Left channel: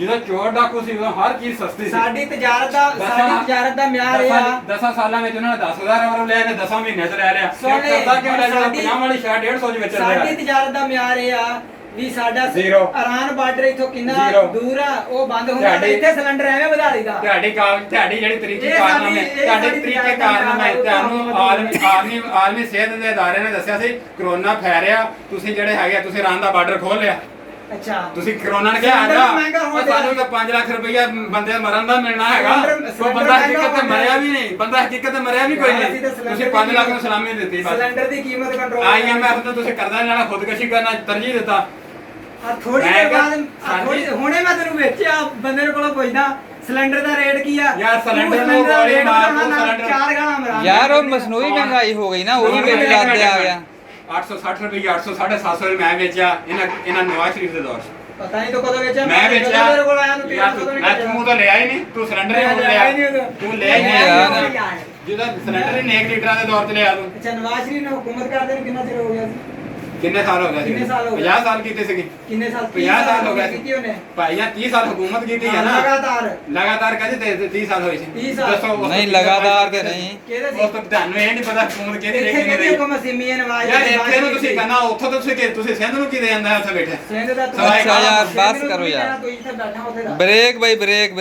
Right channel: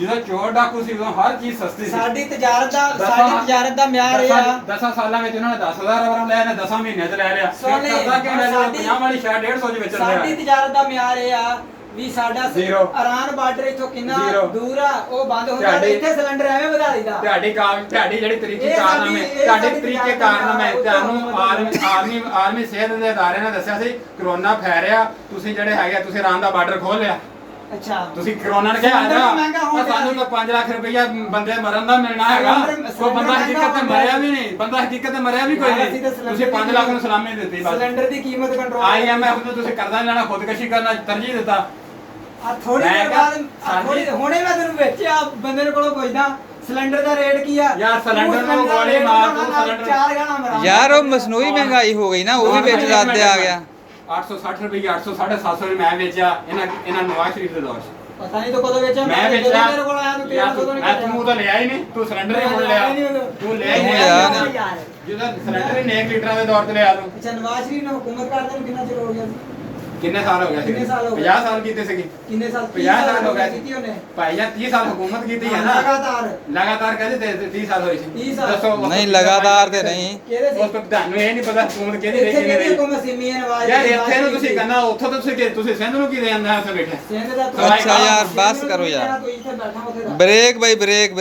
ਜਦੋਂ ਚੋਰ ਡਾਕੂ ਸੀ ਉਦੋਂ ਹਰ ਚੀਜ਼ ਸਸਤੀ ਸੀ। ਸਾਡੀ ਤਜਾਰਤ ਦਾ ਮਿਆਰ ਇਹ ਆ 10 ਸਾਲਾਂ ਵਿੱਚ ਉਹਨਾਂ ਨੇ 10,000 ਵਾਰ ਲਿਆ ਨੇ 10 ਮਹੀਨੇ ਚ ਲੈ ਲਿਆ। ਸੋਨੇ ਕਰਦਾ ਕਿਉਂ ਲੈ ਲਿਆ? 50 ਵਾਲੀ ਸ਼ਰਟ 150 ਚ ਵੇਚ ਰਿਹਾ। ਸਾਡੀ ਤਜਾਰਤ ਦਾ ਮਿਆਰ ਇਹ ਆ ਵੀ ਸਾਡਾ Zero। ਇਰਾਨ ਬਾਰਡਰ ਇਥੋਂ ਕਿੰਨਾ Zero। ਦੂਰ ਆ, ਉਹ ਬੰਦ ਹੁੰਦਾ ਤੇ ਇੱਥੇ ਸਿਲੰਡਰ ਐਵੇਂ ਵਧਾ ਦਈਦਾ। ਤੁਹਾਡੀ ਜਿਹੜੀ ਤਰੀਕੇ ਇਹ ਕਾਰਨਾਮੇ ਸਾਡੀ ਤੁਹਾਡੇ ਤਰੀਕੇ ਕਾਰਨਾਮੇ ਤਰੀਕੇ ਤੁਹਾਨੂੰ ਆਰਮੀ ਸਿਹਤ ਦੇ ਅਦਾਰੇ ਨੇ ਦੱਸਿਆ ਸੀ ਕਰੋਨਾ ਫੈਲਿਆ, ਤੁਸੀਂ ਜਿਹੜੇ ਹੈਗੇ ਤੁਸੀਂ ਇਰਾਨ ਦਾ ਬਾਰਡਰ ਖੋਲ ਲਿਆ। ਅੱਛਾ ਤੁਸੀਂ ਕਰੋਨਾ ਨੇ ਕਿਹਾ ਸਾਨੂੰ ਤਾਂ 5 ਲੱਖ ਰੁਪਇਆ ਬੰਦੇ ਮਰਨ ਦਾ ਮਿਲਣਾ ਹੈਗਾ। ਕੋਈ ਬੰਦਾ ਹਕੀਕਤ ਤੇ ਮਰਿਆ ਵੀ ਨਹੀਂ, ਬੰਦਾ ਹਕੀਕਤ ਤੇ ਮਰਿਆ ਵੀ ਕੋਈ ਨਹੀਂ। ਤੁਸੀਂ 5 ਲੱਖ ਨੂੰ ਸਲਾਮੀ ਦਿੱਤੀ ਬਸ। ਸਿਲੰਡਰ ਦੀ ਕੀਮਤ ਕੰਟਰੋਲ IMF ਨੂੰ ਤੁਸੀਂ ਕਰਜ਼ਾ ਲੈਣਾ ਖੁਦਕਸ਼ੀ ਕਰਨਾ ਤਰਜੀਹ ਦਿੱਤਾ। ਆ ਥੋੜੀ ਦੇਰ ਬਾਅਦ ਹੁਣੇ ਮੈਂ ਤੈਨੂੰ ਵੇਚਿਆ ਬੰਦੇ ਨੂੰ ਕੋਲੋਂ ਪੁੱਛਦਾ ਸਿਲੰਡਰ ਦਾ ਰੇਟ ਕੀ ਆ ਯਾਰ ਸਿਲੰਡਰ ਨੂੰ ਗੋਲੀ ਮਾਰ ਤੂੰ ਸਿਲੰਡਰ 4 ਗਾਲਾਂ ਮਰਾਂ ਯਾਰ ਉਹ ਮਸਨੂਈ ਮਹਿੰਗਾਈ ਹੋ ਗਈ ਨਾ, ਉਹ ਵੀ ਵਿੱਚ ਲੱਗ ਕੇ ਆ ਗਿਆ। 860 ਰੁਪਏ 800 750 ਮੈਂ ਵੇਚਿਆ ਇਹਨਾਂ ਨਵਾਜ਼ ਸ਼ਰੀਫ ਦੇ ਦੌਰ 'ਚ। ਪਤਾ ਨਹੀਂ ਤੂੰ ਕਦੋਂ ਵੇਚਿਆ। ਮੈਂ ਵੇਚਿਆ ਮੇਰੇ ਕੋਲ ਆਇਆ ਤੂੰ 1300 ਤੋਂ ਮੈਂ ਤੂੰ ਤਾਂ ਲਿਆ ਹੀ ਨਹੀਂ, ਤੂੰ ਸਿਲੰਡਰ ਹੀ ਹੁਣ ਲਿਆ। ਤੂੰ ਲਿਆ ਹੀ ਨਹੀਂ ਜਿਹਦਾ ਸਿਲੰਡਰ ਹੀ 1 ਲੀਟਰਾਂ ਦੇ ਦੌਰ 'ਚ ਲਿਆ ਤੂੰ। ਅੱਛਾ ਨਵਾਜ਼ ਸ਼ਰੀਫ ਨੇ ਹੁਕੂਮਤ ਕਰਦੇ ਨੂੰ ਕਿੰਨਾ ਚਿਰ ਹੋ ਗਿਆ ਸੀ? ਕਿੰਨੇ ਸਾਲ ਹੋ ਗਏ ਸੀ? ਕਿੰਨੇ ਸਾਲ ਹੋ ਗਏ? 50 ਸਾਲ ਕੀਤੇ ਸੀਗੇ। ਕਿੰਨੇ ਸਾਲ? 50 ਸਾਲ ਹੋ ਗਏ ਕੀਤੀ ਉਹਨੇ ਭਾਈ ਜਾਂ 30 ਸਾਲ ਹੁਕੂਮਤ ਕੀਤੀ ਹੈ ਨਾ ਲਗਾਤਾਰ ਕਹਿੰਦੇ ਤੇ 30 ਸਾਲ ਹੋਈ ਸੀ। 30 ਸਾਲ। ਦੱਸੋ ਨਹੀਂ ਲਗਾਤਾਰ ਤੇ ਨਹੀਂ। ਕਿਹਦੇ ਸੀ? ਉਹ ਤਾਂ ਤੁਹਾਨੂੰ ਇਹ ਨਹੀਂ ਪਤਾ ਹੁਕੂਮਤ ਕਿਹਦੀ ਰਹੀ ਇੱਥੇ ਕਿਹਦੀ ਕਿਹਦੀ ਰਹੀ। ਹੁਕੂਮਤ ਸੀ? ਮੀਆਂ ਨਵਾਜ਼ ਯਾਰ ਇੱਥੇ ਨੂੰ ਤੁਸੀਂ ਕਹਿੰਦਾ ਉੱਥੋਂ ਤਾਂ ਤੁਸੀਂ ਸਿੰਧ ਨੂੰ ਕੀ ਦੇ ਜਾਂਦਾ ਉੱਥੇ ਬੈਠੇ। ਸਿੰਧ ਦਾ ਅੱਛਾ ਯਾਰ ਬਸ ਕਰੋ ਯਾਰ। ਤੂੰ ਇੱਥੇ ਬੈਠਾ ਉੱਥੇ ਦਾ ਬ੍ਰੇਕ ਬਾਈ ਬ੍ਰੇਕ।